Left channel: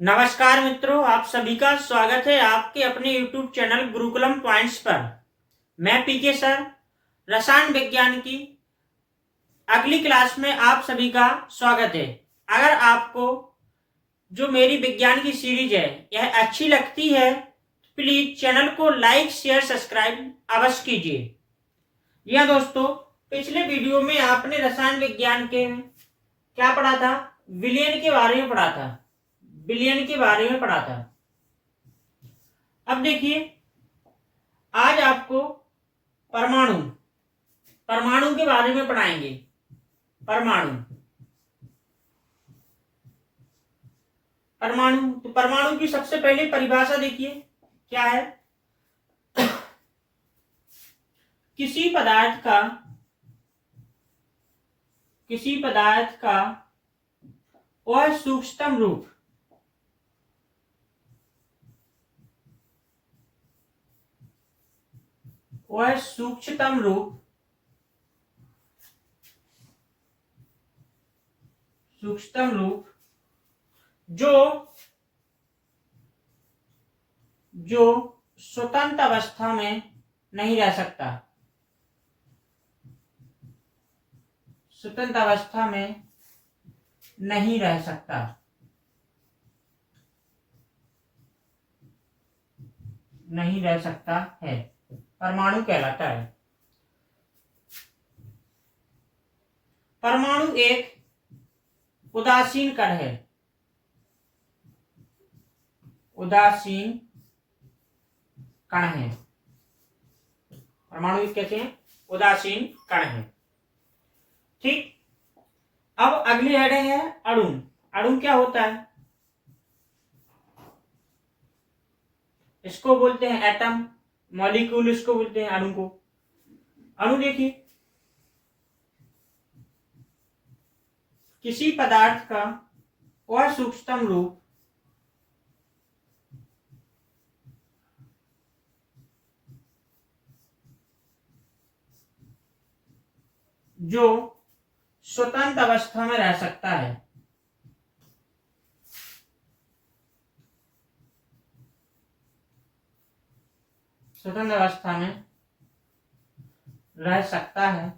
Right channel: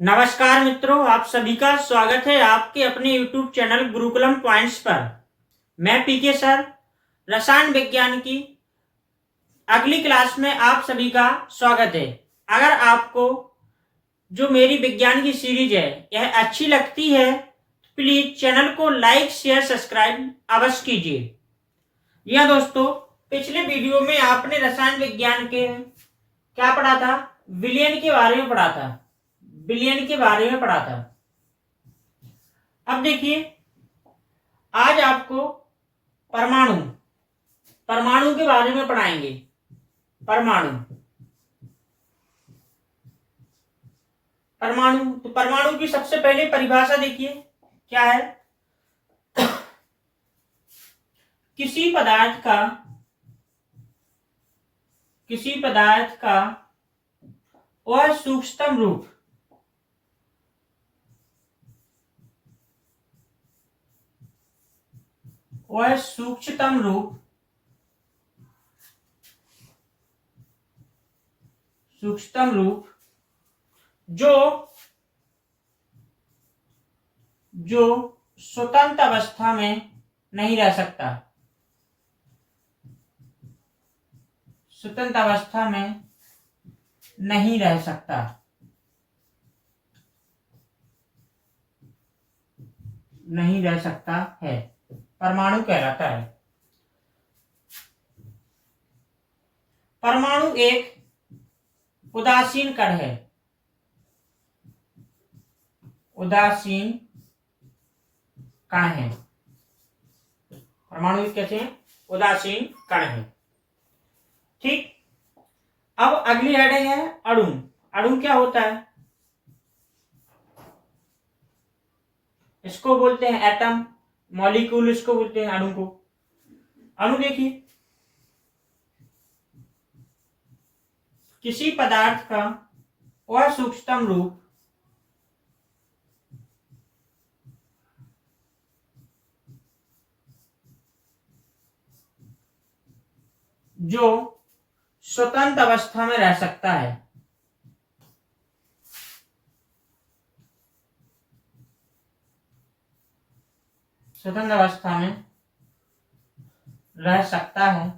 नमस्कार मित्रों, आप सभी का स्वागत है आपके अपने YouTube चैनल गुरुकुलम पॉइंट्स पर। मैं पीके सर, रसायन विज्ञान की अगली क्लास में आप सभी का स्वागत है। अगर आपको जो मेरी विज्ञान की सीरीज है यह अच्छी लगती है तो प्लीज चैनल को लाइक शेयर सब्सक्राइब अवश्य कीजिए। यह दोस्तों, पिछले वीडियो में आपने रसायन विज्ञान के क्या पढ़ा था? विलयन के बारे में पढ़ा था। विलयन के बारे में पढ़ा था। अब देखिए, आज आपको परमाणु परमाणु के बारे में पढ़ाएंगे। परमाणु परमाणु तो परमाणु की सबसे पहले परिभाषा देखिए क्या है। किसी पदार्थ का वह सूक्ष्मतम रूप जो स्वतंत्र अवस्था में नहीं रह सकता। स्वतंत्र अवस्था में नहीं रह सकता है, परमाणु कहलाता है। परमाणु एक उदासीन कण है। परमाणु कैसे हैं? उदासीन कण है। ठीक। अब अगली हेडिंग है अणु। अणु क्या होता है? इसको बोलते हैं एटम, मॉलिक्यूल इसको बोलते हैं अणु को। अणु देखिए, किसी पदार्थ का वह सूक्ष्मतम रूप जो स्वतंत्र अवस्था में रह सकता है। स्वतंत्र अवस्था में रह सकता है,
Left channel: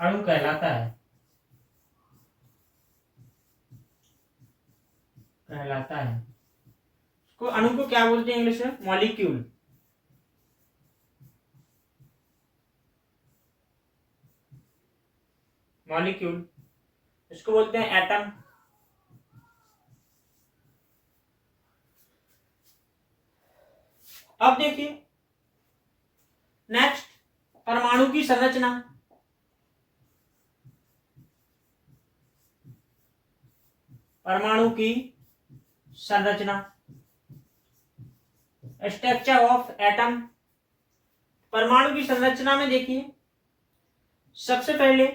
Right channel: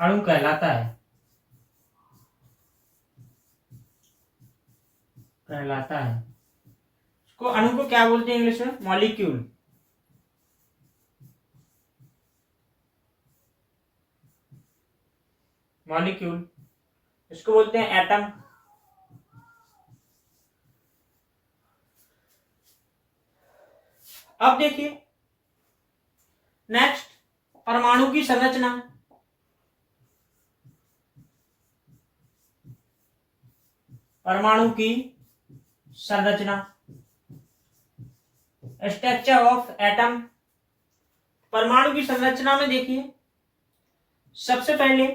अणु कहलाता है। इसको अणु को क्या बोलते हैं इंग्लिश में? मॉलिक्यूल। इसको बोलते हैं एटम। अब देखिए नेक्स्ट, परमाणु की संरचना। Structure of atom. परमाणु की संरचना में देखिए, सबसे पहले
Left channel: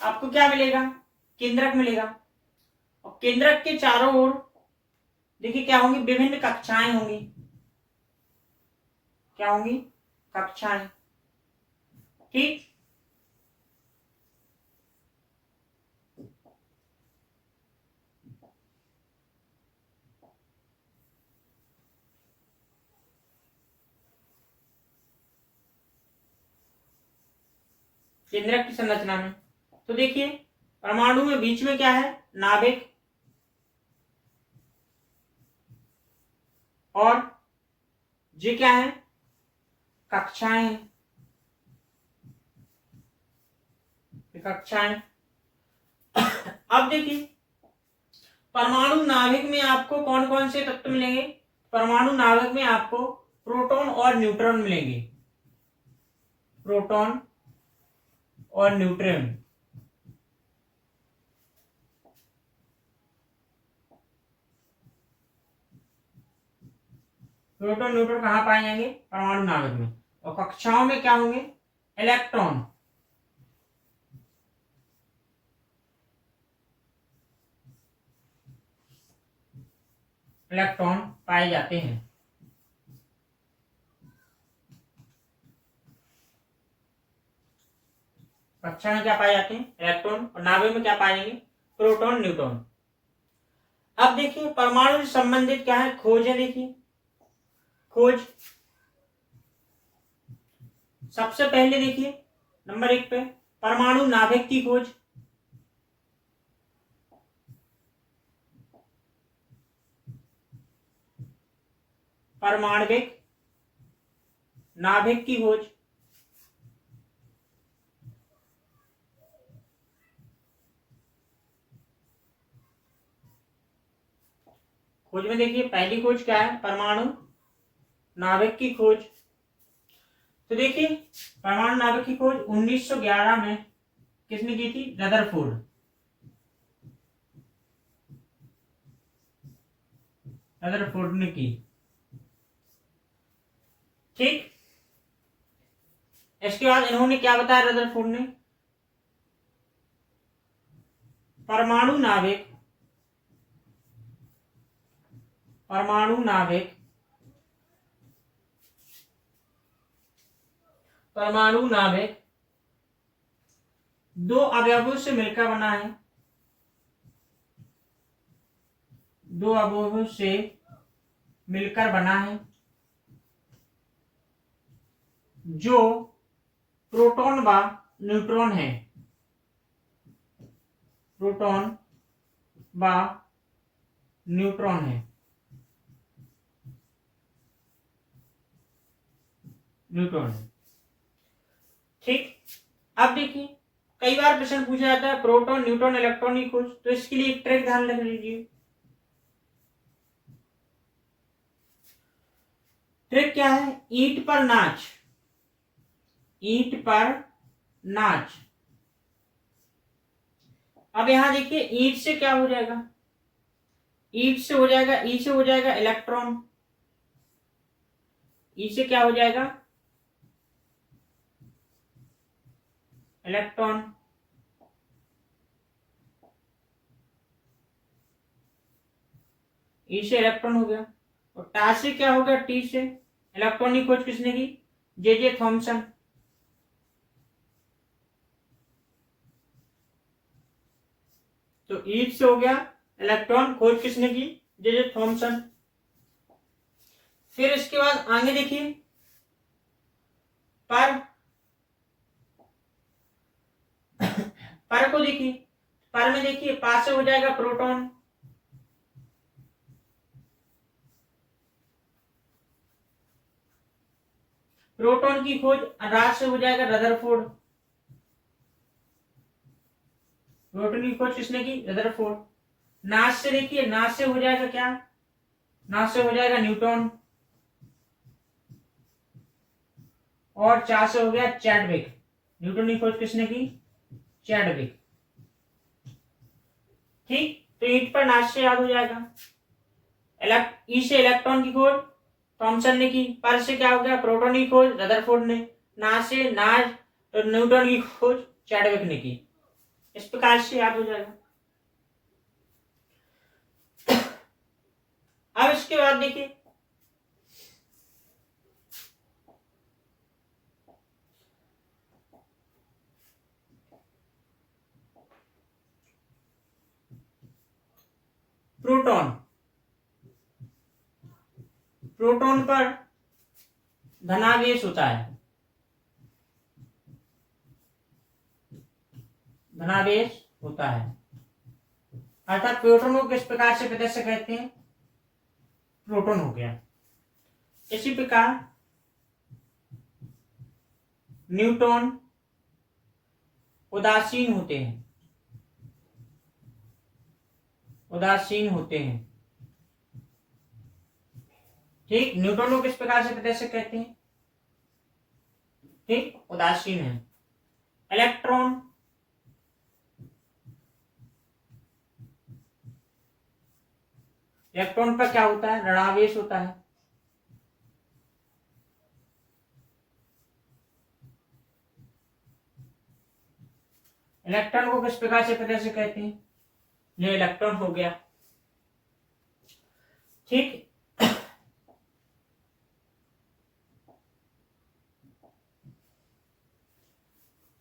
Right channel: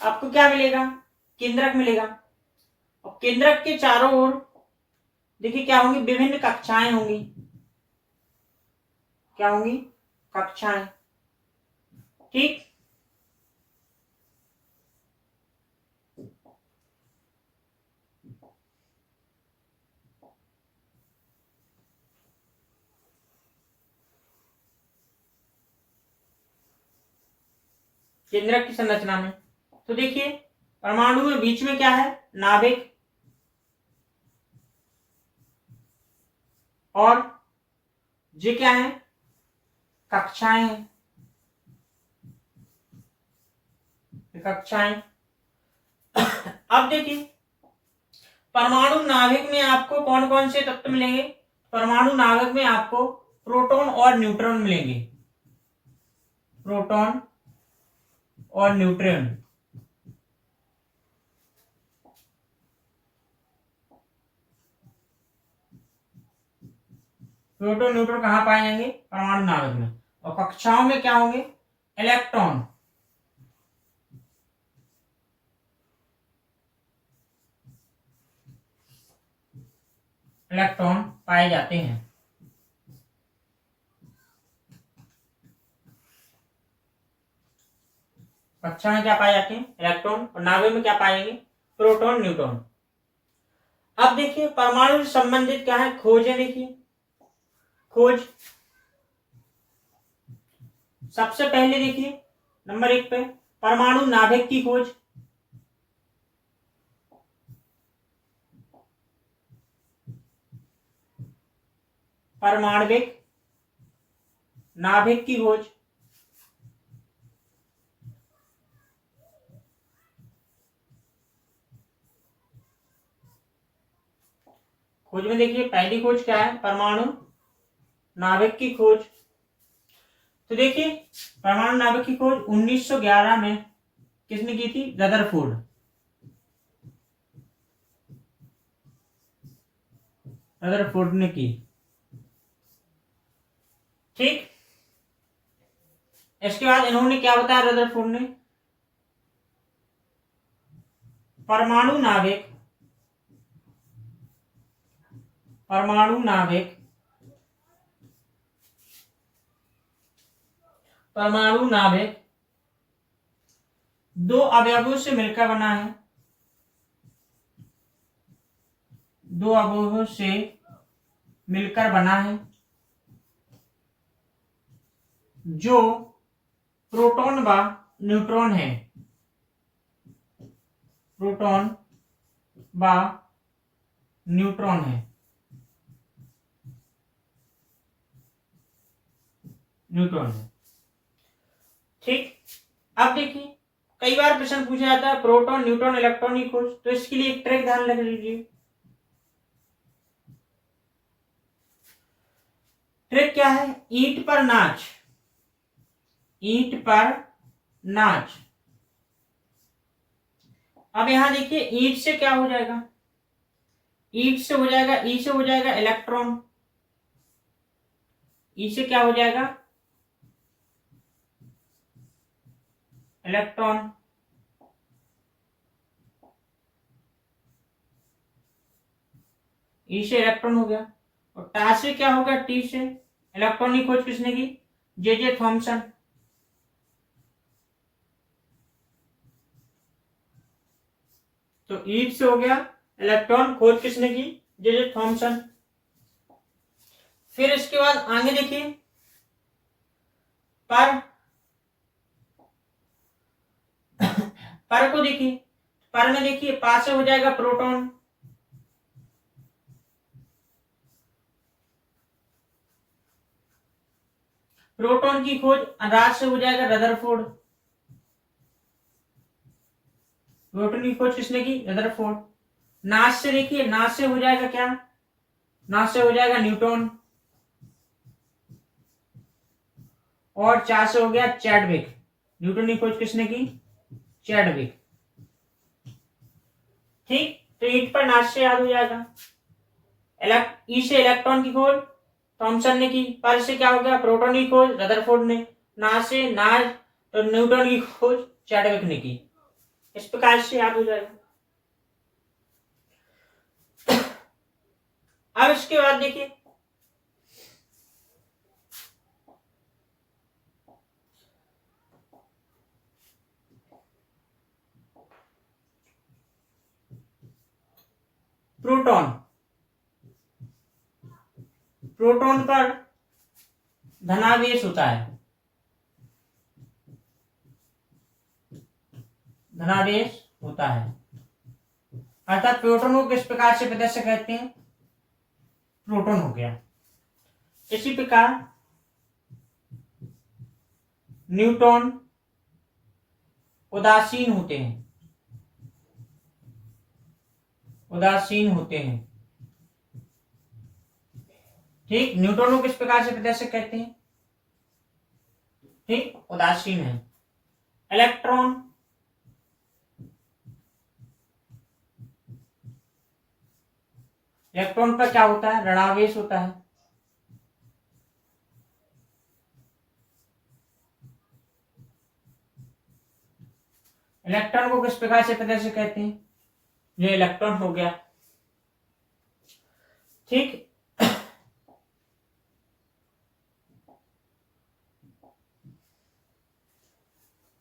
आपको क्या मिलेगा? केंद्रक मिलेगा। और केंद्रक के चारों ओर देखिए क्या होंगी? विभिन्न कक्षाएं होंगी। क्या होंगी? कक्षाएं। ठीक। केंद्रक की संरचना में तो देखिए, परमाणु में बीच में क्या है? नाभिक। और ये क्या है? कक्षाएं हैं। अब देखिए, परमाणु नाभिक में आपको कौन कौन से तत्व मिलेंगे? परमाणु नाभिक में आपको प्रोटॉन और न्यूट्रॉन मिलेंगे। प्रोटॉन न्यूट्रॉन कहाँ पाए जाएंगे? परमाणु नाभिक में। और कक्षाओं में क्या होंगे? इलेक्ट्रॉन पाए जाते हैं। कक्षा में क्या पाए जाते हैं? इलेक्ट्रॉन। और नाभिक में क्या पाएंगे? Proton neutron. अब देखिए परमाणु से संबंधित क्या है, खोज है। देखिए खोज, सबसे पहले देखिए नंबर 1 पे परमाणु नाभिक की खोज। परमाणविक नाभिक की खोज। खोज में देखिए पहली खोज क्या है, परमाणु नाभिक की खोज। तो देखिए परमाणु नाभिक की खोज 1911 में किसने की थी, रदरफोर्ड। रदरफोर्ड ने की। ठीक, इसके बाद इन्होंने क्या बताया रदरफोर्ड ने, परमाणु नाभिक, परमाणु नाभिक, परमाणु नाभिक दो अवयवों से मिलकर बना है, दो अवयवों से मिलकर बना है, जो प्रोटॉन व न्यूट्रॉन है, प्रोटॉन व न्यूट्रॉन है, न्यूट्रॉन है। ठीक, अब देखिए कई बार प्रश्न पूछा जाता है प्रोटॉन न्यूट्रॉन इलेक्ट्रॉन की खोज, तो इसके लिए एक ट्रिक ध्यान रख लीजिए। ट्रिक क्या है, ईंट पर नाच, ईंट पर नाच। अब यहां देखिए ईंट से क्या हो जाएगा, ईंट से हो जाएगा, ई से हो जाएगा इलेक्ट्रॉन, ई से क्या हो जाएगा, इलेक्ट्रॉन। ई से इलेक्ट्रॉन हो गया, और टा से क्या हो गया, टी से। इलेक्ट्रॉन की खोज किसने की, जे थॉमसन। तो ईट से हो गया इलेक्ट्रॉन, खोज किसने की, जे थॉमसन। फिर इसके बाद आगे देखिए पर, पर को देखिए, पर में देखिए पा से हो जाएगा प्रोटॉन, प्रोटॉन की खोज राज से हो जाएगा रदरफोर्ड, प्रोटॉन की खोज किसने की, रदरफोर्ड। नास से देखिए, नास से हो जाएगा क्या, नास से हो जाएगा न्यूटन, और चार से हो गया चैडविक। न्यूटन की खोज किसने की, चैडविक। ठीक, तो ईंट पर नाच से याद हो जाएगा। ई से इलेक्ट्रॉन की खोज थॉमसन ने की, पर से क्या हो गया, प्रोटॉन की खोज रदरफोर्ड ने, ना से नाज तो न्यूटन की खोज चैडविक ने की। इस प्रकार से याद हो जाएगा। अब इसके बाद देखिए प्रोटॉन, प्रोटॉन पर धनावेश होता है, धनावेश होता है, अर्थात प्रोटॉन को किस प्रकार से प्रदर्शित कहते हैं, प्रोटॉन हो गया। इसी प्रकार न्यूट्रॉन उदासीन होते हैं, उदासीन होते हैं। ठीक, न्यूट्रॉन को किस प्रकार से प्रदर्शित कहते हैं, ठीक, उदासीन है। इलेक्ट्रॉन, इलेक्ट्रॉन पर क्या होता है, ऋणावेश होता है। इलेक्ट्रॉन को किस प्रकार से प्रदर्शित कहते हैं, ये इलेक्ट्रॉन हो गया। ठीक,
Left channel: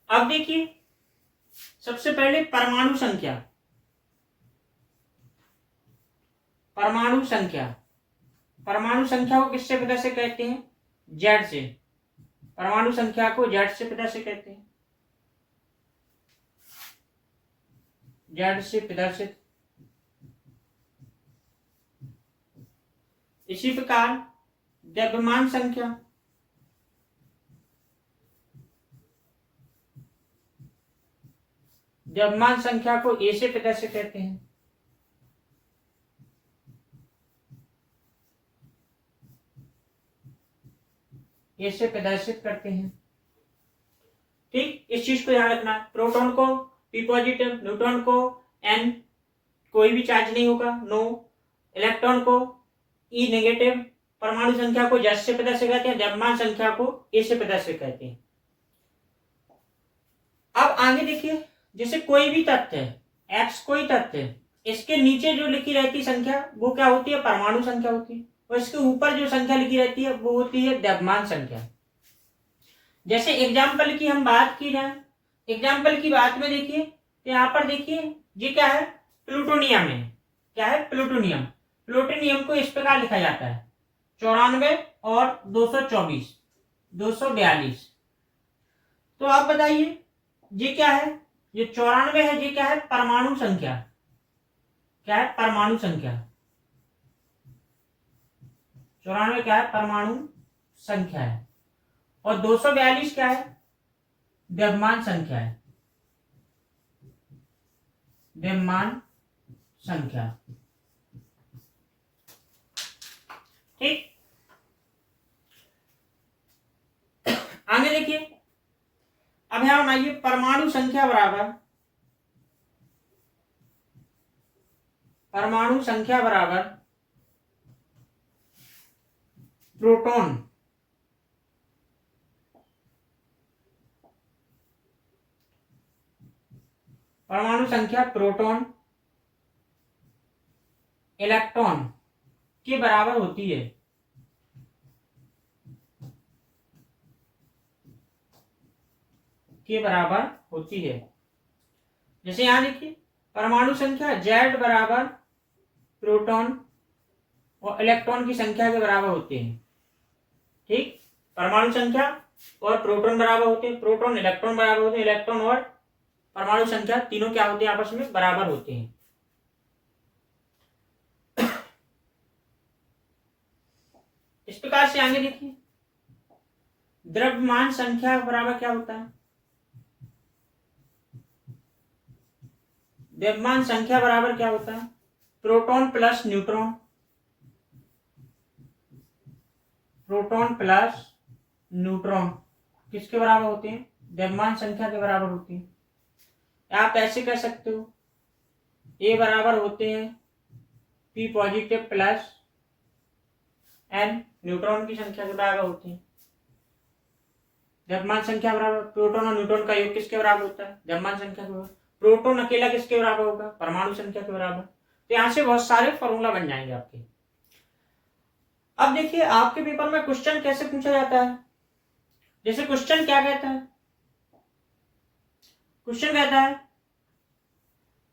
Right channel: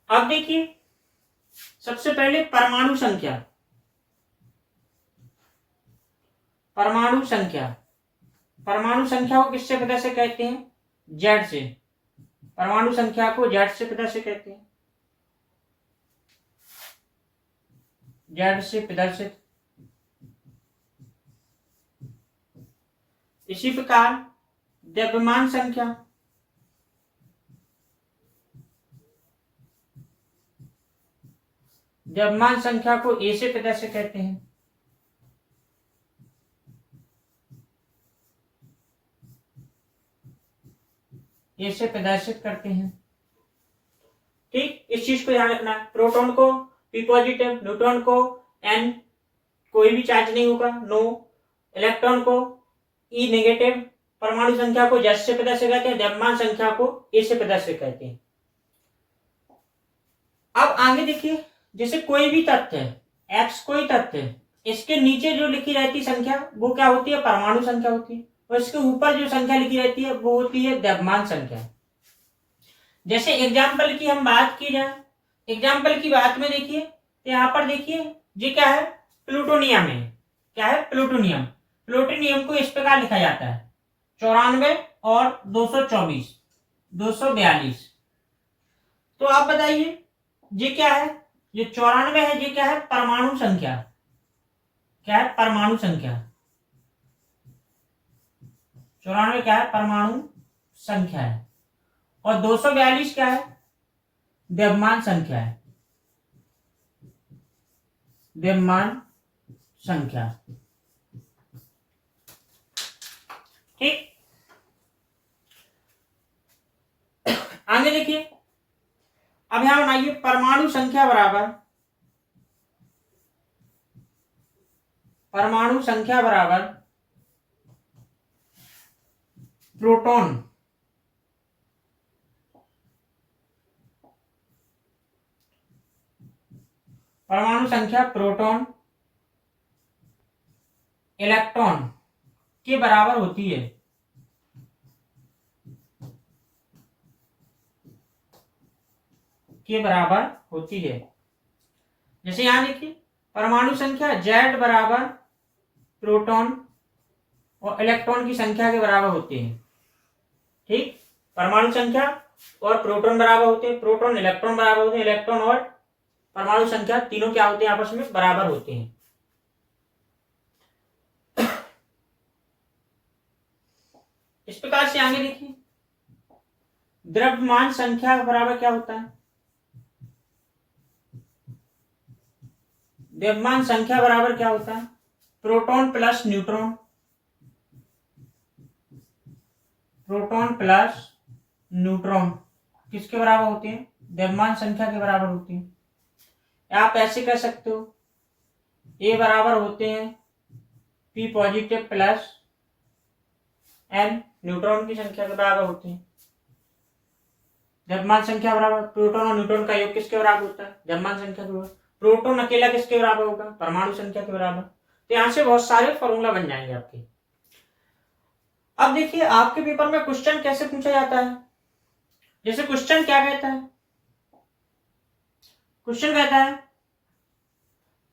अब देखिए सबसे पहले परमाणु संख्या, परमाणु संख्या, परमाणु संख्या को किससे पता से कहते हैं? जेड से। परमाणु संख्या को जेड से पता से कहते हैं, जेड से प्रदर्शित। इसी प्रकार द्रव्यमान संख्या, द्रव्यमान संख्या को ए से पता से कहते हैं, ए से प्रदर्शित करते हैं। ठीक, इस चीज को ध्यान रखना है। प्रोटॉन को पी पॉजिटिव, न्यूट्रॉन को एन, कोई भी चार्ज नहीं होगा, नो। इलेक्ट्रॉन को ई नेगेटिव। परमाणु संख्या को जेड से पता से कहते हैं, द्रव्यमान संख्या को ए से पता से कहते हैं। अब आगे देखिए, जैसे कोई भी तथ्य है, एक्स कोई तथ्य है, इसके नीचे जो लिखी रहती संख्या वो क्या होती है? परमाणु संख्या होती है। और इसके ऊपर जो संख्या लिखी रहती है वो होती है द्रव्यमान संख्या। जैसे एग्जाम्पल की हम बात की जाए, एग्जाम्पल की बात में देखिए, यहाँ पर देखिए ये क्या है? प्लूटोनियम है। क्या है? प्लूटोनियम। प्लूटोनियम को इस प्रकार लिखा जाता है 94 और 224, 242। तो आप बताइए ये क्या है? ये 94 है, ये क्या है? परमाणु संख्या। क्या है? परमाणु संख्या। 94 क्या है? परमाणु संख्या है। और 242 क्या है? द्रव्यमान संख्या है, द्रव्यमान संख्या। ठीक, आगे देखिए, अब यहां बनाइए परमाणु संख्या बराबर, परमाणु संख्या बराबर प्रोटॉन, परमाणु संख्या प्रोटॉन इलेक्ट्रॉन के बराबर होती है। के बराबर होती है। जैसे यहां देखिए, परमाणु संख्या जेड बराबर प्रोटॉन और इलेक्ट्रॉन की संख्या के बराबर होते हैं। ठीक, परमाणु संख्या और प्रोटॉन बराबर होते हैं, प्रोटॉन इलेक्ट्रॉन बराबर होते हैं, इलेक्ट्रॉन और परमाणु संख्या तीनों क्या होते हैं? आपस में बराबर होते हैं। इस प्रकार से आगे देखिए, द्रव्यमान संख्या बराबर क्या होता है? द्रव्यमान संख्या बराबर क्या होता है? Proton plus neutron, proton plus neutron किसके बराबर होते हैं? द्रव्यमान संख्या के बराबर होते हैं। आप ऐसे कह सकते हो, ए बराबर होते हैं P positive plus N, neutron की संख्या के बराबर होते हैं। द्रव्यमान संख्या बराबर प्रोटॉन और न्यूट्रॉन का योग किसके बराबर होता है? द्रव्यमान संख्या के बराबर। प्रोटॉन अकेला किसके बराबर होगा? परमाणु संख्या के बराबर। तो यहां से बहुत सारे फॉर्मूला बन जाएंगे आपके। अब देखिए, आपके पेपर में क्वेश्चन कैसे पूछा जाता है। जैसे क्वेश्चन क्या कहता है? क्वेश्चन कहता है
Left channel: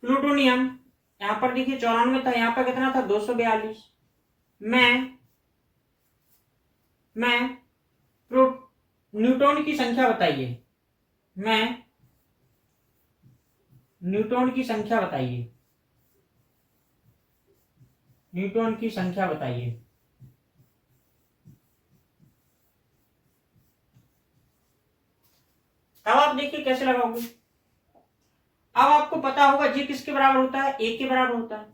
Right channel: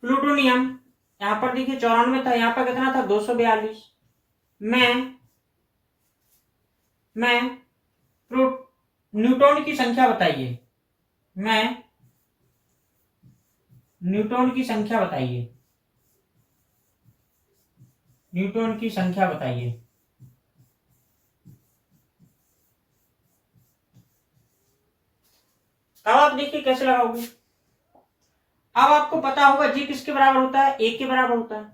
प्लूटोनियम, यहां पर देखिए 94 था, यहां पर कितना था? 242। मैं न्यूट्रॉन की संख्या बताइए, मैं न्यूट्रॉन की संख्या बताइए, न्यूट्रॉन की संख्या बताइए। तब आप देखिए कैसे लगाओगे। अब आपको पता होगा जी किसके बराबर होता है? ए के बराबर होता है।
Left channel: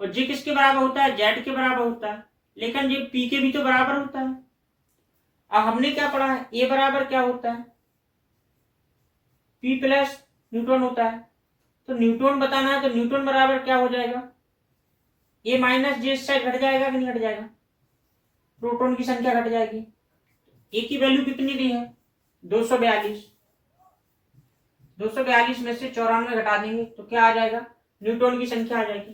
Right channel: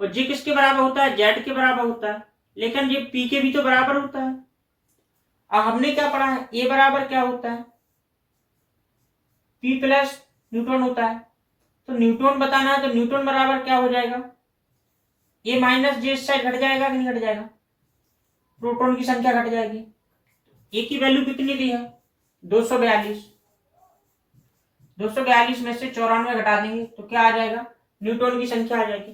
और जी किसके बराबर होता है? जेड के बराबर होता है। लेकिन ये पी के भी तो बराबर होता है। अब हमने क्या पढ़ा है? ए बराबर क्या होता है? पी प्लस न्यूट्रॉन होता है। तो न्यूट्रॉन बताना है, तो न्यूट्रॉन बराबर क्या हो जाएगा? ए माइनस जे इस साइड घट जाएगा कि नहीं घट जाएगा? प्रोटॉन की संख्या घट जाएगी। ए की वैल्यू कितनी दी है? 242। 242 में से 94 घटा देंगे तो क्या आ जाएगा? न्यूट्रॉन की संख्या आ जाएगी।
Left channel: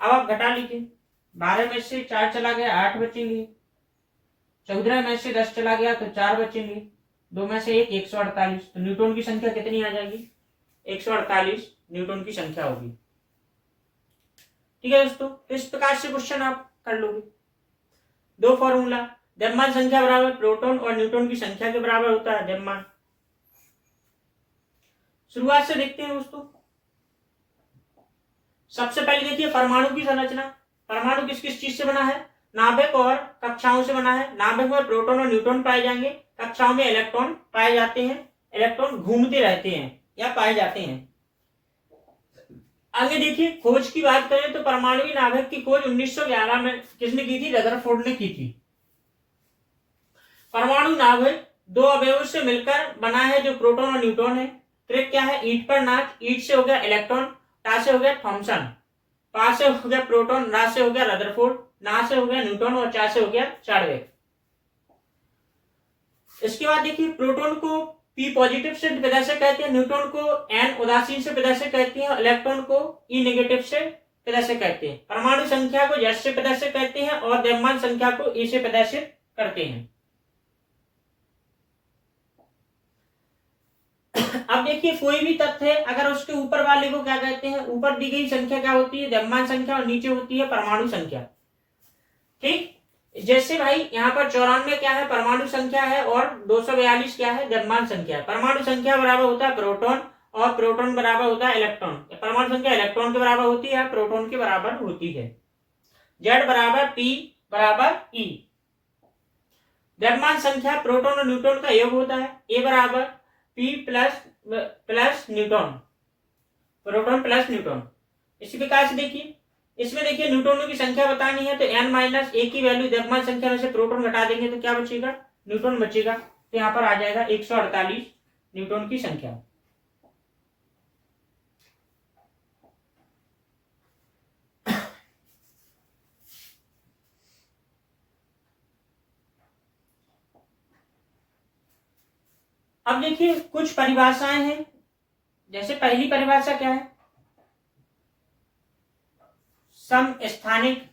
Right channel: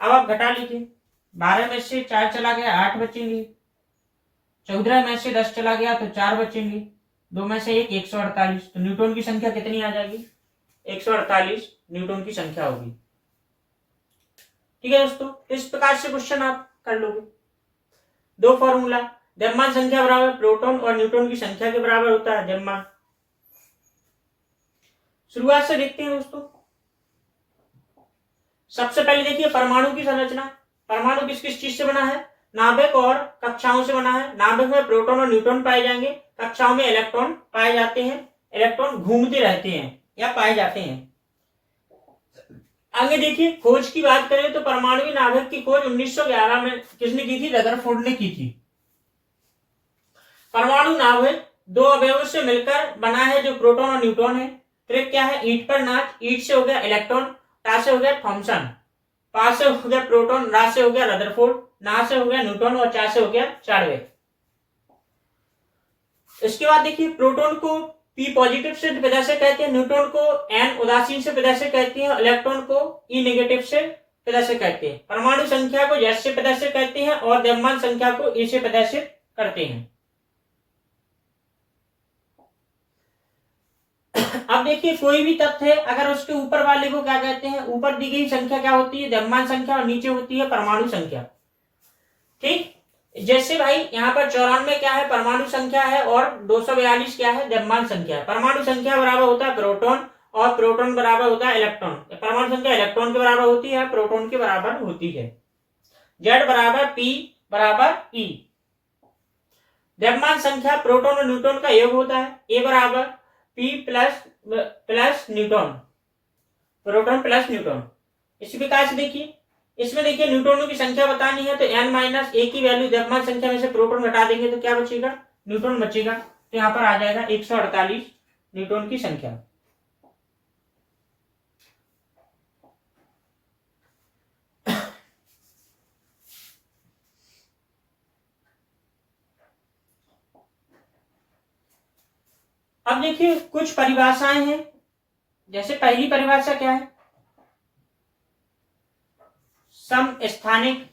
अब आप घटा लीजिए, 12 में से 4 चला गया 8 बचेंगे, 14 में से 10 चला गया तो 4 बचेंगे, 2 में से 1 148। तो न्यूट्रॉन की संख्या कितनी आ जाएगी? 148 न्यूट्रॉन की संख्या होगी। ठीक है दोस्तों, इस प्रकार से क्वेश्चन आप कर लोगे। दो फॉर्मूला, द्रव्यमान संख्या बराबर प्रोटॉन और न्यूट्रॉन की संख्या के बराबर होता है द्रव्यमान। शुरुआत से देखते हैं दोस्तों। सबसे पहले देखिए परमाणु की संरचना। परमाणु किस किस चीज से बना है? नाभिक और कक्षाओं से बना है। नाभिक में प्रोटॉन और न्यूट्रॉन पाए जाएंगे, कक्षाओं में इलेक्ट्रॉन पाए जाते हैं। इलेक्ट्रॉन घूमते रहते हैं या पाए जाते हैं। आगे देखिए, खोज की बात करें तो परमाणु नाभिक की खोज 1911 में किसने की थी? रदरफोर्ड ने की थी। परमाणु नाभिक दो अवयवों से मिलकर बना है जो प्रोटॉन और न्यूट्रॉन है। ट्रिक क्या है? ईंट पर नाच। ईंट से हो गया इलेक्ट्रॉन, टा से हो गया थॉमसन, पा से हो गया प्रोटॉन, रा से हो गया रदरफोर्ड, ना से हो गया न्यूट्रॉन और चा से हो गया चार्विक। इसके बाद देखिए, प्रोटॉन को पी पॉजिटिव से विदा से कहते हैं, न्यूट्रॉन को एन उदासीन से विदा से कहते हैं, इलेक्ट्रॉन को ई नेगेटिव से विदा से कहते हैं। परमाणु संख्या को एस से विदा से कहते हैं और द्रव्यमान संख्या को ए से विदा से करते हैं। अब देखिए, कोई भी तथ्य है अगर उसके ऊपर वाले को क्या कहते हैं? ऊपर दी गई संख्या क्या होती है? द्रव्यमान संख्या, और नीचे होती है परमाणु संख्या। ठीक, जैसे भाई यहाँ पर 94 क्या है? परमाणु संख्या है, और 242 क्या है? द्रव्यमान संख्या है। परमाणु संख्या बराबर होता है प्रोटॉन और प्रोटॉन बराबर होता है इलेक्ट्रॉन। परमाणु संख्या इलेक्ट्रॉन के बराबर होती है, प्रोटॉन के बराबर होती है। जेड बराबर पी बराबर ई। द्रव्यमान संख्या प्रोटॉन और न्यूट्रॉन का योग होता है। ए बराबर P plus neutron, proton plus neutron. इसी प्रकार से देखिए, इसमें देखिए न्यूट्रॉनों की संख्या बतानी है तो n माइनस ए की वैल्यू द्रव्यमान संख्या में से प्रोटॉन घटा देंगे तो क्या बचेगा? न्यूट्रॉन बचेगा। तो यहाँ पर आ जाएगा 148 न्यूट्रॉन की संख्या। अब देखिए, कुछ परिभाषाएं हैं। जैसे पहली परिभाषा क्या है? समस्थानिक।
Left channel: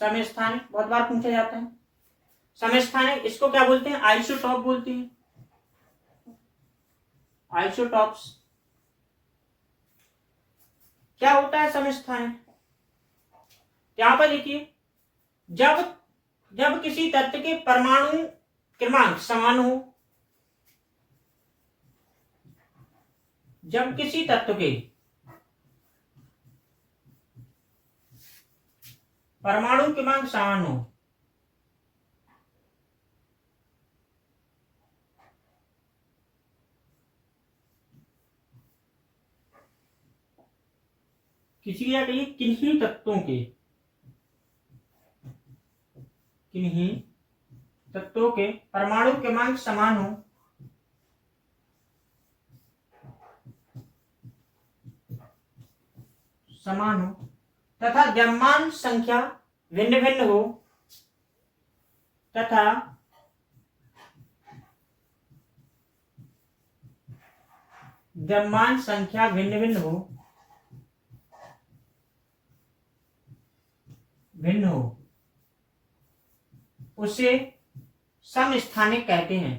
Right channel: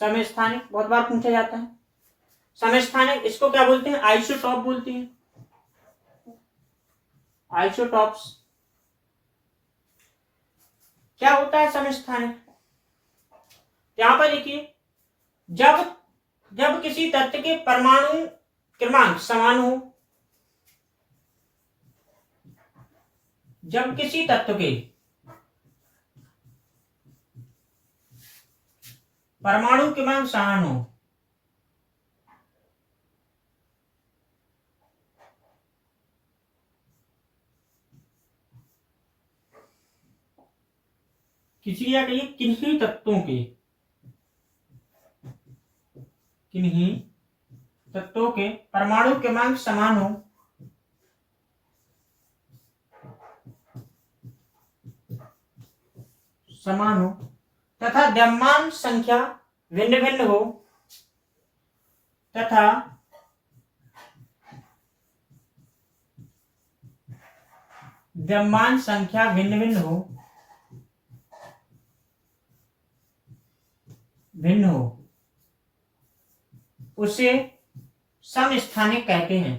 समस्थानिक बहुत बार पूछा जाता है। समस्थानिक, इसको क्या बोलते हैं? आइसोटॉप बोलते हैं। आइसोटॉप्स। क्या होता है समस्थानिक? यहां पर देखिए, जब किसी तत्व के परमाणु क्रमांक समान हो, जब किसी तत्व के परमाणु क्रमांक समान हो, किसी या कहीं किन्हीं तत्वों के, किन्हीं तत्वों के परमाणु क्रमांक समान हो, तथा द्रव्यमान संख्या भिन्न भिन्न हो, तथा द्रव्यमान संख्या भिन्न भिन्न हो, उसे समस्थानिक कहते हैं।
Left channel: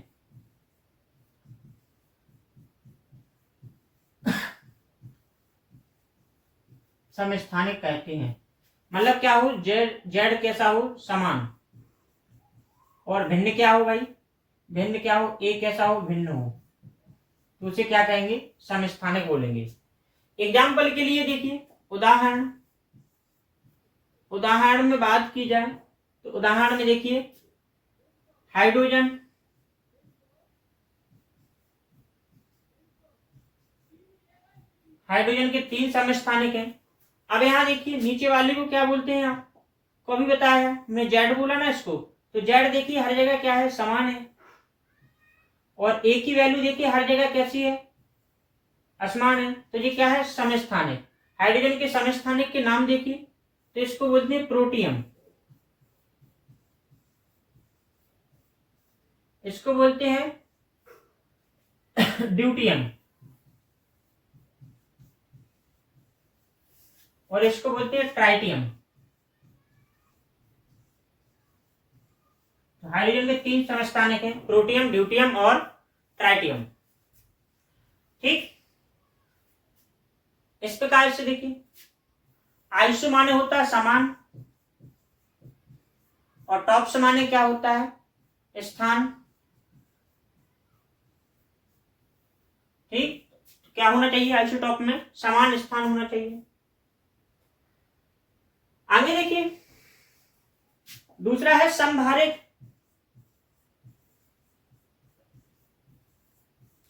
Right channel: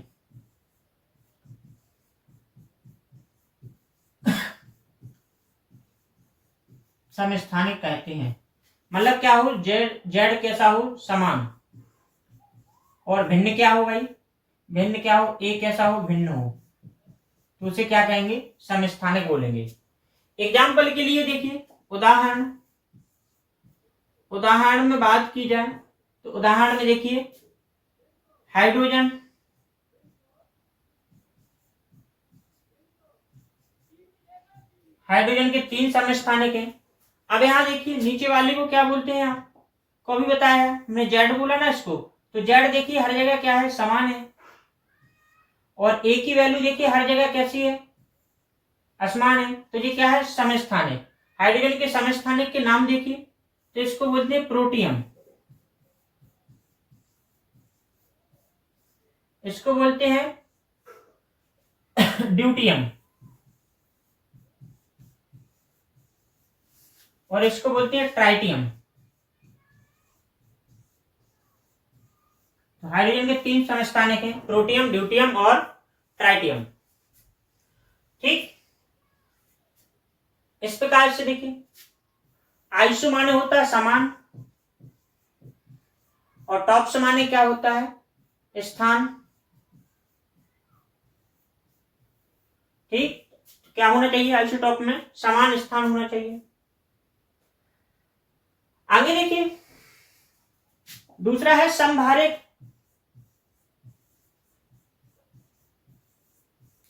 समस्थानिक कहते हैं मतलब क्या हो? जेड कैसा हो? समान। और भिन्न क्या हो भाई? भिन्न क्या हो? ए कैसा हो? भिन्न हो। तो उसे क्या कहेंगे? समस्थानिक बोलेंगे। एग्जाम्पल के लिए देखिए, उदाहरण में बात की जाए तो उदाहरण में देखिए, हाइड्रोजन, हाइड्रोजन के 3 समस्थानिक हैं। अब यहां देखिए, नीचे वाले को क्या बोलते हैं? आपको भी बताया है, हमने जेड बोला ना इसको। तो जेड देखिए हर जगह क्या है? समान है। और ए की वैल्यू देखिए हर जगह कैसी है? असमान है। तो ये क्या है? समस्थानिक। हाइड्रोजन के समस्थानिक के नाम देखिए, तो इसको बोलते हैं प्रोटियम, इसको बोलते हैं ड्यूटियम, और इसको बोलते हैं ट्राइटियम। तो हाइड्रोजन के 3 समस्थानिक हैं, प्रोटियम, ड्यूटियम और ट्राइटियम। ठीक, इस प्रकार से देखिए आइसो माने होता है समान, और टॉप्स माने क्या होता है, स्थान। ठीक, तो क्या होना चाहिए, आइसोटॉप में समान स्थान होना चाहिए। आगे देखिए दूसरा है समभारित,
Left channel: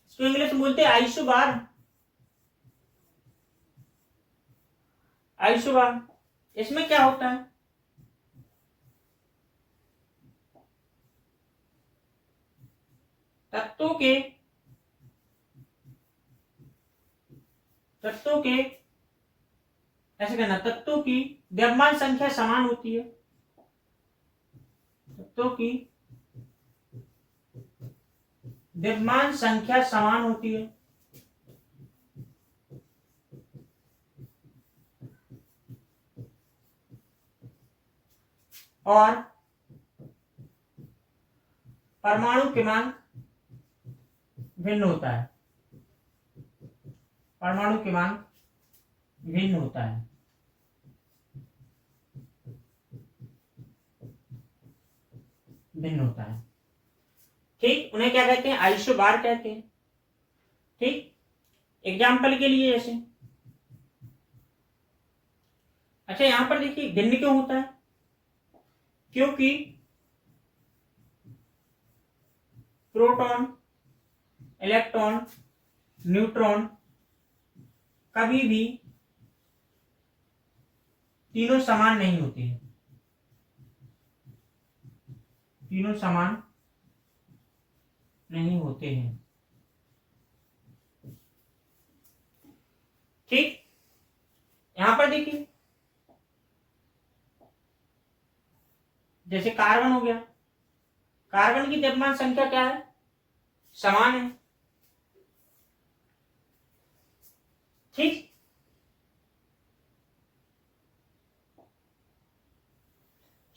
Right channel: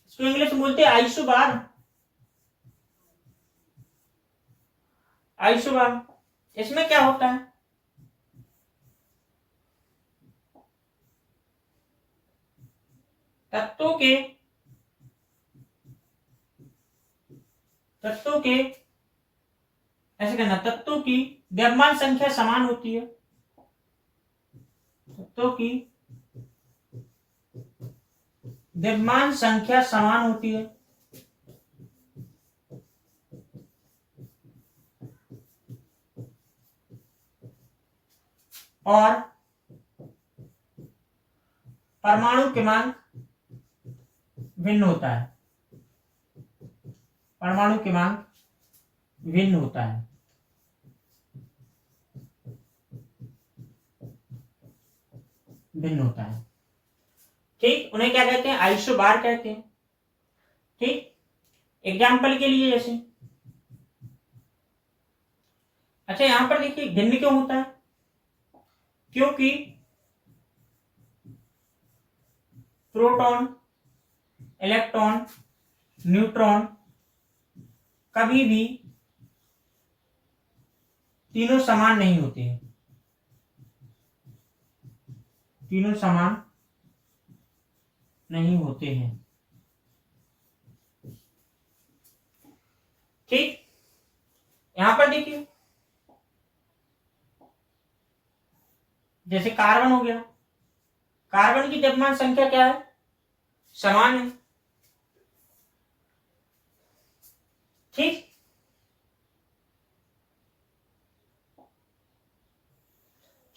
इसको इंग्लिश में बोलते हैं आइसोबार। आइसोबार, इसमें क्या होता है, तत्वों के ऐसे कहना, तत्वों की द्रव्यमान संख्या समान होती है, तत्वों की द्रव्यमान संख्या समान होती है, और परमाणु क्रमांक भिन्न होता है, परमाणु क्रमांक भिन्न होता है। भिन्न होता है, ठीक, उन्हें क्या कहते हैं, आइसोबार कहते हैं। ठीक, एग्जाम्पल के लिए जैसे, अच्छा यहां पर देखिए भिन्न क्यों होता है, क्योंकि प्रोटॉन, इलेक्ट्रॉन, न्यूट्रॉन कभी भी तीनों समान नहीं होते हैं, तीनों समान नहीं होते हैं। ठीक, यहां पर देखिए जैसे कार्बन हो गया, कार्बन की द्रव्यमान संख्या क्या है, समान है। ठीक,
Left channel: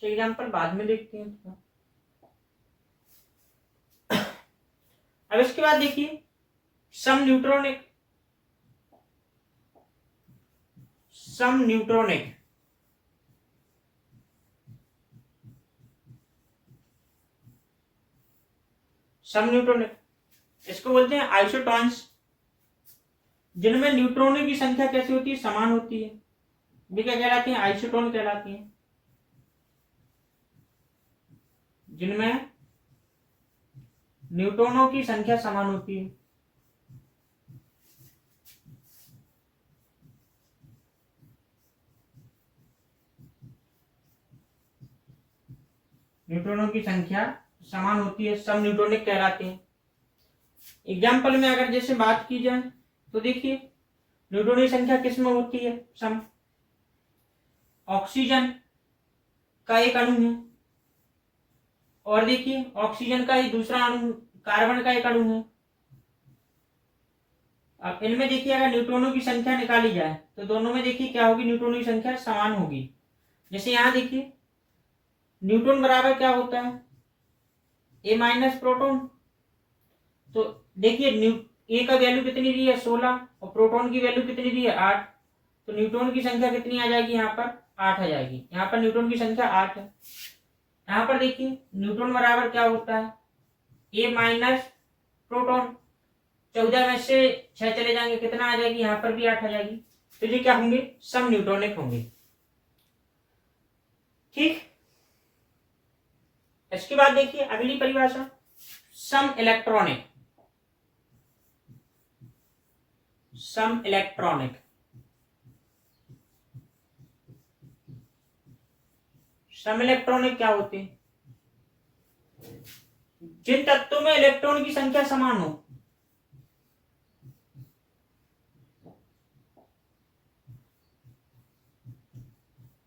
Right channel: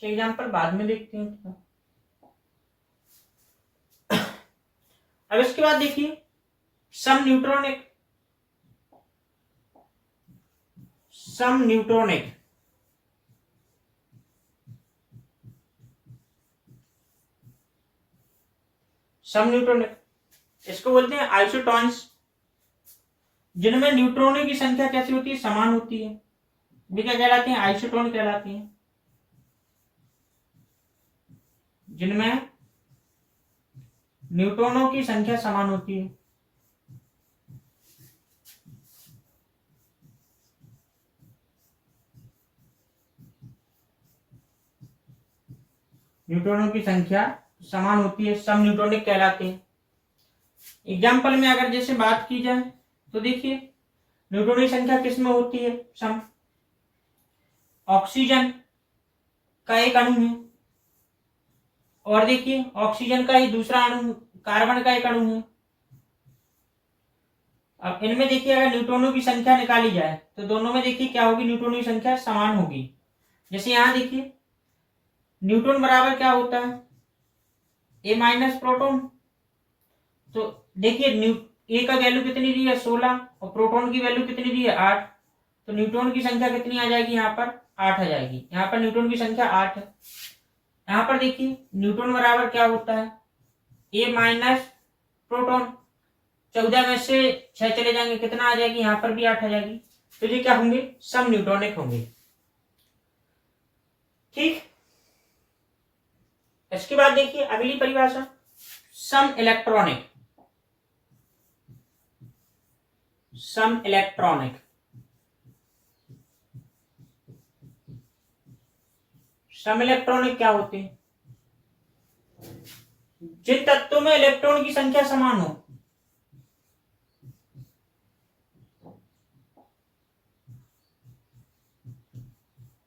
एग्जाम्पल बाद में देखते हैं। अब इसके बाद देखिए सम न्यूट्रॉनिक, सम न्यूट्रॉनिक, सम न्यूट्रॉनिक, इसको बोलते हैं आइसोटॉन्स, जिनमें न्यूट्रॉनों की संख्या कैसी होती है, समान होती है, वे क्या कहलाते हैं, आइसोटोन कहलाते हैं। जिनमें न्यूट्रॉनों की संख्या समान होती है, न्यूट्रॉनों की संख्या समान होती है, सम न्यूट्रॉनिक कहलाते हैं। एग्जाम्पल में अगर जैसे बात की जाए तो देखिए न्यूट्रॉन की संख्या किस में होती है, सम, ऑक्सीजन का एक अणु है, और देखिए ऑक्सीजन का ही दूसरा अणु, कार्बन का एक अणु है। अब इनमें देखिए अगर न्यूट्रॉनों की संख्या निकाली जाए तो दोनों में देखिए क्या होगी, न्यूट्रॉनों की संख्या समान होगी। जैसे यहां देखिए न्यूट्रॉन बराबर क्या होता है, ए माइनस प्रोटॉन, तो देखिए ए का वैल्यू कितनी दी है, 16, और प्रोटॉन की वैल्यू कितनी दी है, 8, तो न्यूट्रॉन की संख्या कितनी आ जाएगी, यहाँ पर 8 आ जाएगी। यहाँ पर न्यूट्रॉन की संख्या 8 है। यहाँ पर देखिए न्यूट्रॉन बराबर क्या होता है, ए माइनस प्रोटॉन, 14 में से 6 चले जाएंगे, कितना आ जाएगी, यहाँ पर भी 8 आ जाएगी। तो ये क्या होंगे, सम न्यूट्रॉनिक होंगे। ठीक, इसके बाद देखिए अगली परिभाषा, सम इलेक्ट्रॉनिक, सम इलेक्ट्रॉनिक, सम इलेक्ट्रॉनिक क्या होते हैं, जिन तत्वों में इलेक्ट्रॉन की संख्या समान हो,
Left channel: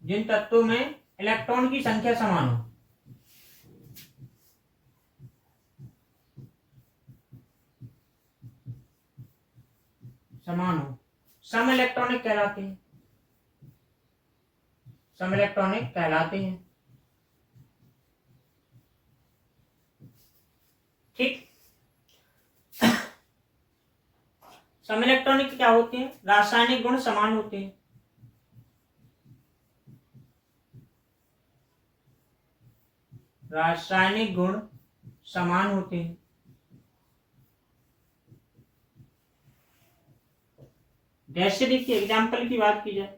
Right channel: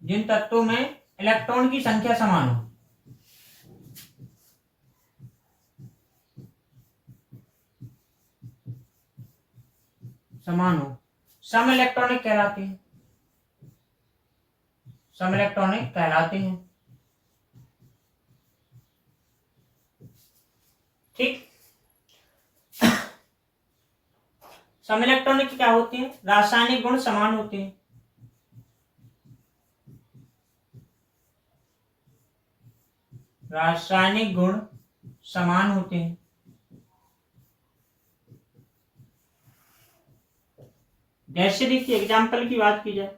जिन तत्वों में इलेक्ट्रॉन की संख्या समान हो, समान हो, सम इलेक्ट्रॉनिक कहलाते हैं, सम इलेक्ट्रॉनिक कहलाते हैं। ठीक, समइलेक्ट्रॉनिक क्या होते हैं? रासायनिक गुण समान होते हैं। रासायनिक गुण समान होते हैं। जैसे देखिए एग्जाम्पल की बात की जाए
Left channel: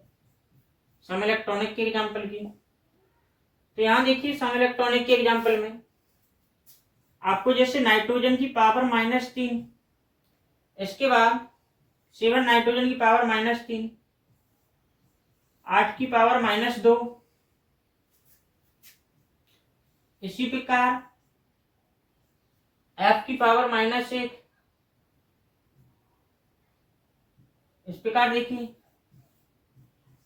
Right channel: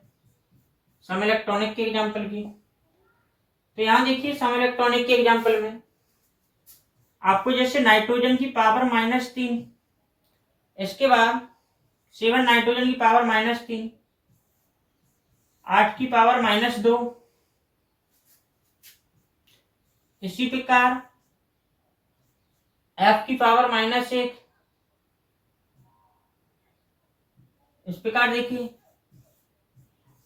समइलेक्ट्रॉनिक के एग्जाम्पल की, तो यहां देखिए समइलेक्ट्रॉनिक के एग्जाम्पल में आपको जैसे नाइट्रोजन की पावर -3, इसके बाद 7 नाइट्रोजन की पावर -3, 8 की पावर -2, इसी प्रकार F की पावर -1, इस प्रकार देखिए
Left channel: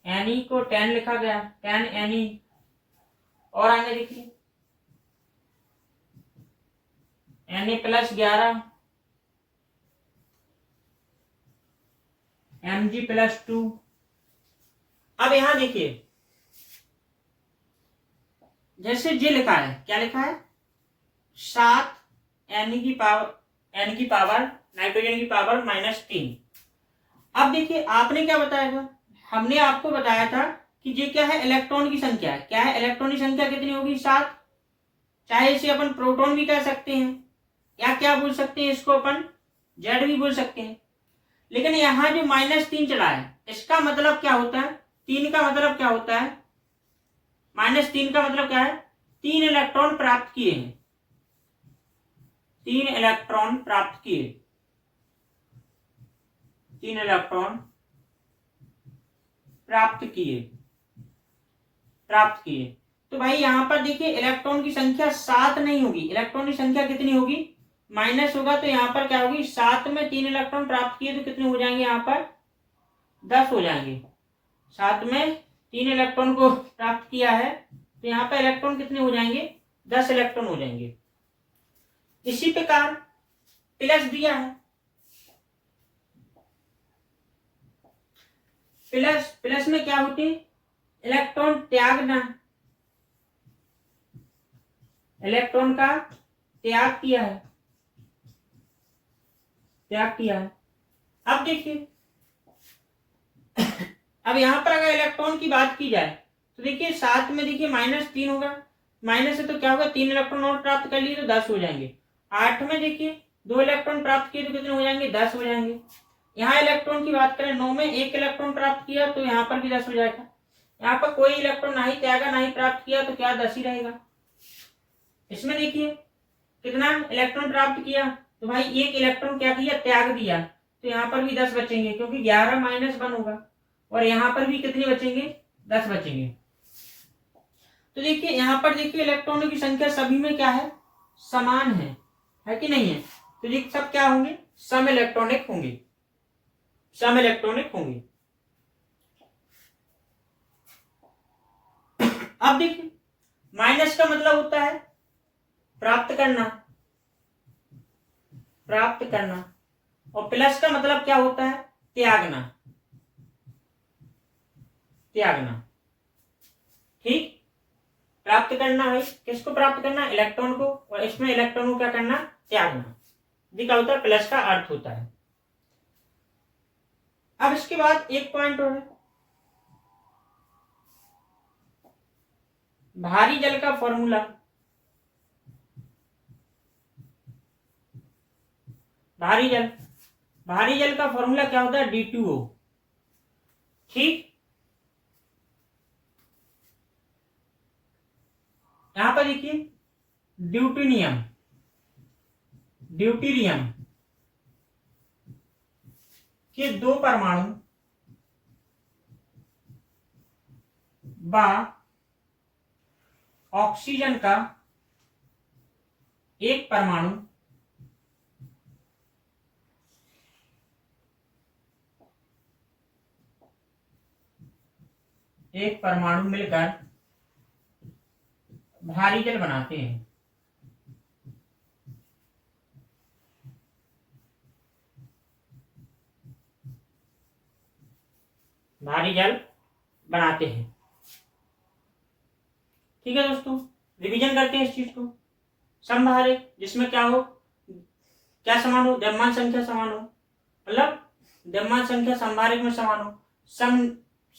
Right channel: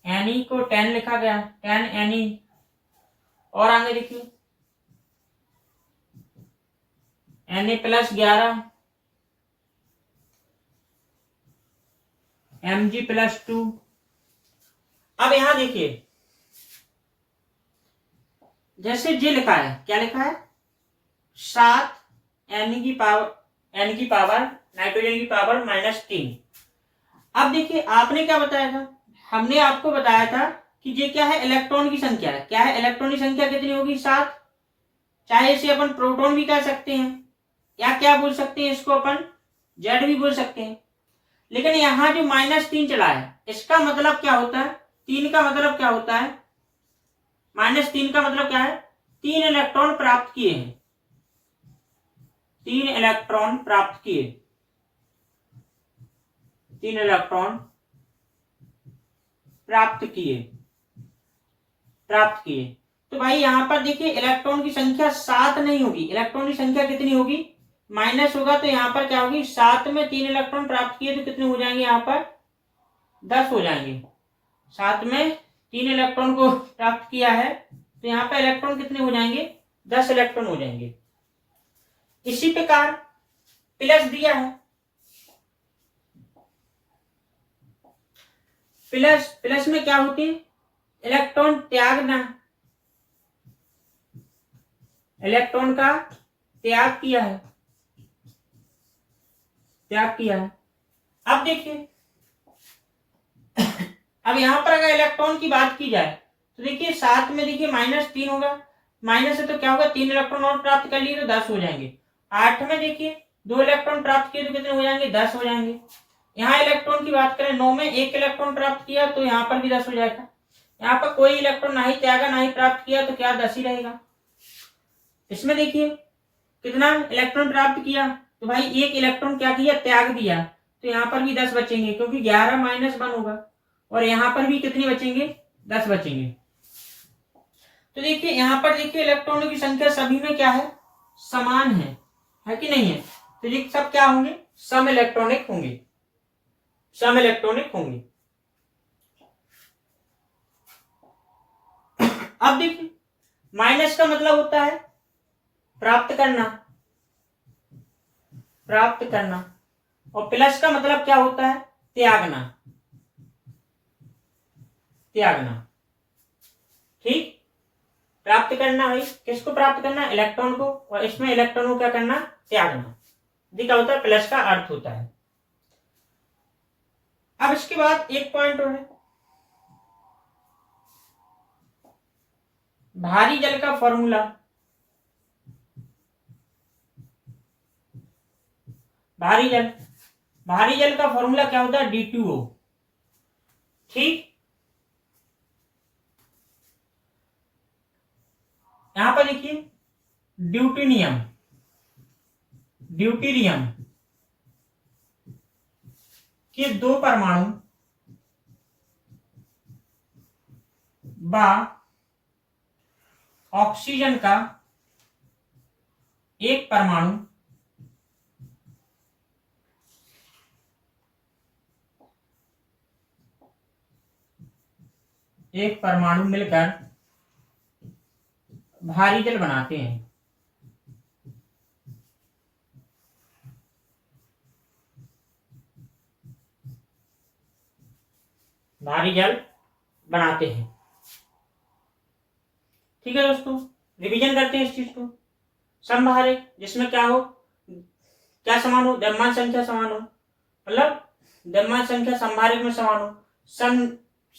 Ne को 10 लिखा गया, 10 Ne, और आगे देखिए Na+11, Mg+2। अब यहां देखिए जैसे ये लिखा है, क्या लिखा है? 7 N की पावर नाइट्रोजन की पावर -3। अब देखिए आपने क्या बताया था? हमने आपको बताया था कि ये क्या है? इलेक्ट्रॉन की संख्या है। क्या है? इलेक्ट्रॉन की संख्या कितनी होगी? 7। चाहे इसे अपन प्रोटॉन भी कह सकते हैं, या क्या बोल सकते हैं, इसको अपन जेड भी बोल सकते हैं। लेकिन यहां जो -3 चला है, इसका मतलब क्या होता है? 3 का मतलब क्या होता है? -3 का मतलब क्या है? 3 इलेक्ट्रॉन प्राप्त किए हैं, 3 इलेक्ट्रॉन प्राप्त किए, 3 इलेक्ट्रॉन प्राप्त किए। तो भाई यहां पर देखिए इलेक्ट्रॉन की संख्या 7 नहीं होगी, इलेक्ट्रॉन की संख्या कितनी होगी? माइनस होगा, तो यहां पर क्या होगी? 7 में 3 इलेक्ट्रॉन प्राप्त किए तो कितने हो जाएंगे? यहां पर 10 हो जाएंगे। 7 में 3 इलेक्ट्रॉन को प्राप्त किया है तो यहां पर इलेक्ट्रॉन कितने हो जाएंगे? 10 इलेक्ट्रॉन हो जाएंगे। इसी प्रकार प्लस दिया है, प्लस में क्या होती है? इलेक्ट्रॉन त्यागना, इलेक्ट्रॉन का त्याग किया है। अब देखिए अब यहां पर अगर इलेक्ट्रॉन की बात की जाए तो देखिए 7 में देखिए -3 होगा, माइनस है तो क्या होगा? 3 इलेक्ट्रॉन और प्राप्त कर लिए तो 10 हो जाएंगे। 8 में देखिए 2 इलेक्ट्रॉन प्राप्त किए तो कितने हो जाएंगे? 10 हो जाएंगे। यहाँ इलेक्ट्रॉन की बात करें, 9 में 1 इलेक्ट्रॉन प्राप्त किया तो यहाँ पर भी 10 हो जाएगा। यहाँ पर कोई इलेक्ट्रॉन नहीं त्यागा, नहीं प्राप्त किया तो क्या 10 ही रहेगा। इसमें देखिए कितना इलेक्ट्रॉन प्राप्त किया तो भाई 1 इलेक्ट्रॉन क्या किया? त्याग दिया, तो यहाँ पर भी 10 बचेंगे, क्योंकि 11 - 1 होगा, और यहाँ पर भी कितने बचेंगे? 10 बचेंगे। तो देखिए यहाँ पर देखिए इलेक्ट्रॉनों की संख्या सभी में क्या है? समान है कि नहीं है? तो ये सब क्या होंगे? सम इलेक्ट्रॉनिक होंगे, सम इलेक्ट्रॉनिक होंगे। अब देखिए माइनस का मतलब होता है प्राप्त करना, और प्लस का मतलब क्या होता है? त्यागना। ठीक, प्राप्त करना है, किसको प्राप्त करना? इलेक्ट्रॉन को, और इसमें इलेक्ट्रॉन को क्या करना? त्यागना। ये क्या होता है? प्लस का अर्थ होता है। अब इसके बाद एक पॉइंट और है, भारी जल का फॉर्मूला। भारी जल का फॉर्मूला क्या होता है? D2O। ठीक, यहां पर देखिए ड्यूटेरियम के 2 परमाणु व ऑक्सीजन का 1 परमाणु मिलकर भारी जल बनाते हैं। ठीक है दोस्तों, रिवीजन करते हैं इस चीज को। समभारित जिसमें क्या हो? क्या समान हो? द्रव्यमान संख्या समान हो, मतलब द्रव्यमान संख्या समभारिक में समान हो,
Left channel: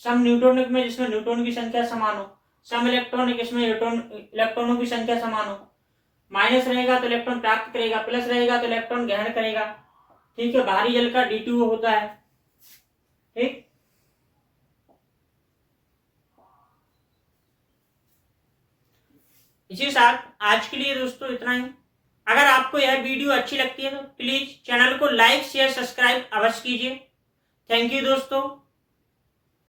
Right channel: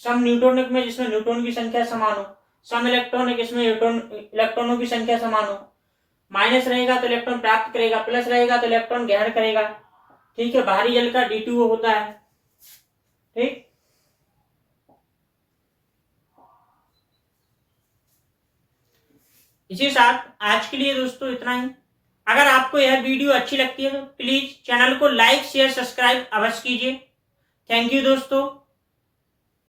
सम न्यूट्रॉनिक में जिसमें न्यूट्रॉन की संख्या समान हो, सम इलेक्ट्रॉनिक इसमें इलेक्ट्रॉनों की संख्या समान हो। माइनस रहेगा तो इलेक्ट्रॉन प्राप्त करेगा, प्लस रहेगा तो इलेक्ट्रॉन ग्रहण करेगा। ठीक है, बाहरी जल का D2O होता है। ठीक, इसी साथ आज के लिए दोस्तों इतना ही। अगर आपको यह वीडियो अच्छी लगती है तो प्लीज चैनल को लाइक शेयर सब्सक्राइब अवश्य कीजिए। थैंक यू दोस्तों।